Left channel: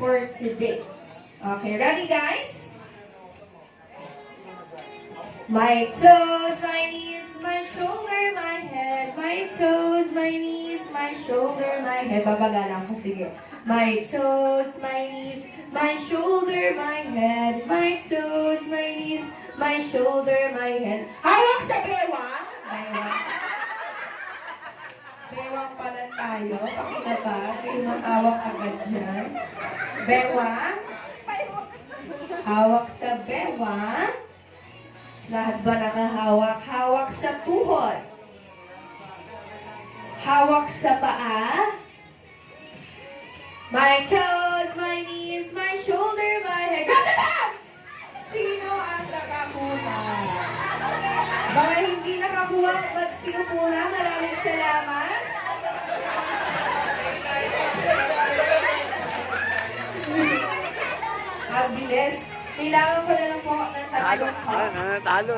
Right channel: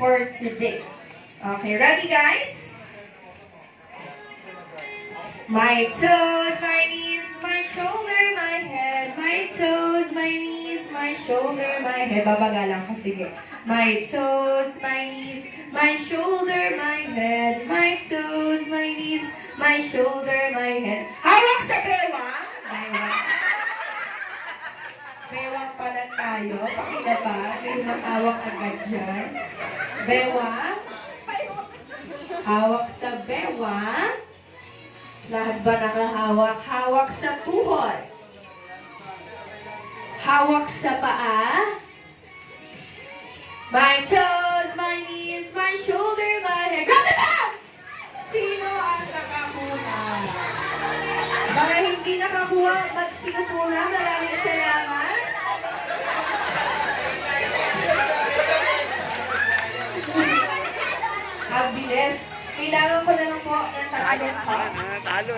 for today. Okay, ready guys? My toes, my knees, my shoulder, my head. My toes, my knees, my shoulder, my head. Babagalan ko, sige. My toes, my knees, my shoulder, my head. My toes, my knees, my shoulder, my head. Hawak sa bewang. Bewang. Bewang pala tayo. Pakita ba? May matawag agad dyan. Bewang. Hawak sa bewang. Lahat ba nakahawak? Hawak sa tuhod. Hawak sa paa. My toes, my knees, my shoulder, my head. Grab the box! Sino ang nakakuha? Baka hindi nakakuha, sino po na? Maraming salamat. Ang bilis. Kailangan ko na lang po ng tatlong cups. Talo.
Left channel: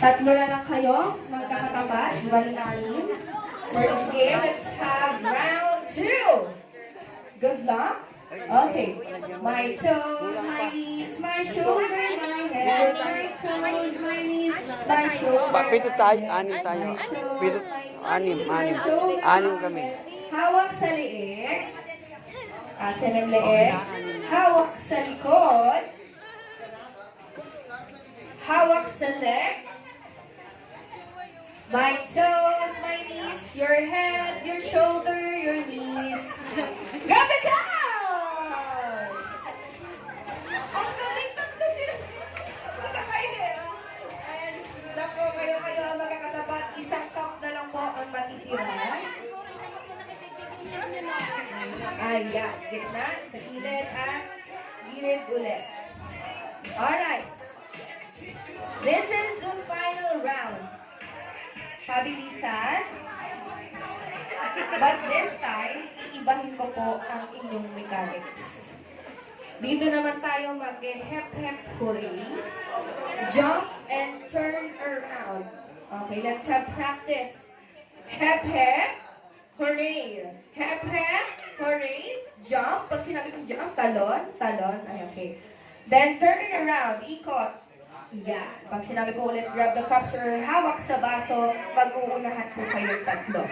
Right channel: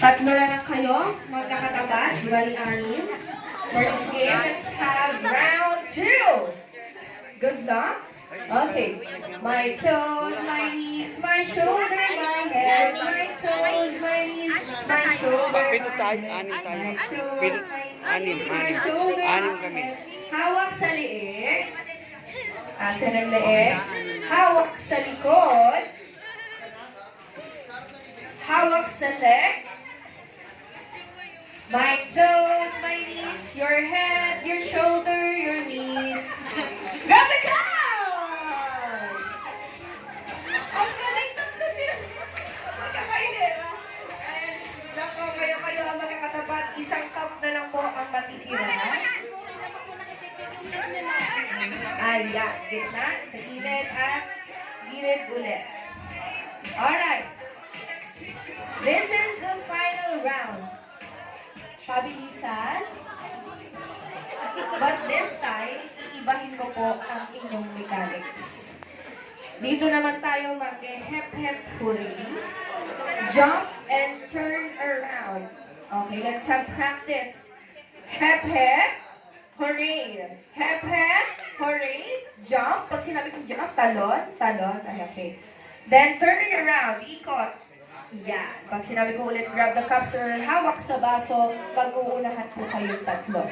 Tatlo na lang kayo, magkakatapat, bali-anim. For this game, let's have round 2. Good luck. Okay. My toes, my knees, my shoulder, my head. My toes, my knees, my shoulder, Pito tayo, anim tayo. Pito, anim kami. Hawak sa liig. Asan ang liig? Hawak sa likod. Hawak sa legs. My toes, my knees, your head, your shoulder, your knees. Grab it down! Ang galing ng galing! Magkakainin. And nako, kayo ang magkakatapat. Isang cup na lang po ang matitira. Ayan, gitna, sa gilid at gilid ulit. Alright. This is the final round. Pabilisan. But this time, iibahin ko po ang inyong mechanics. Dito naman tayo mag-hep-hep hooray. Jump and turn around. Okay, let's have practice. Hep-hep, hooray. Hep-hep, hooray. Jump. Pag sinabi kong jump, talon. Ay, okay. Then turn it around. Ikot. Yan. Pag sinabi ko ulit, grab the cups or hawak sa baso, pag-uunahan po kayong tatlo.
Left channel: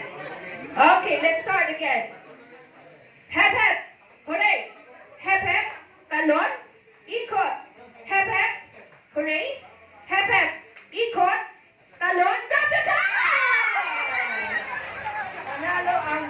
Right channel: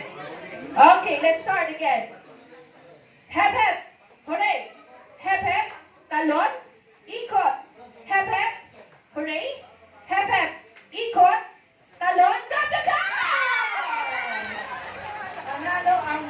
Okay, let's start again. Hep, hep. Hooray. Hep, hep. Talon. Ikot. Hep, hep. Hooray. Hep, hep. Ikot. Talon. That's the dance! Panalo ang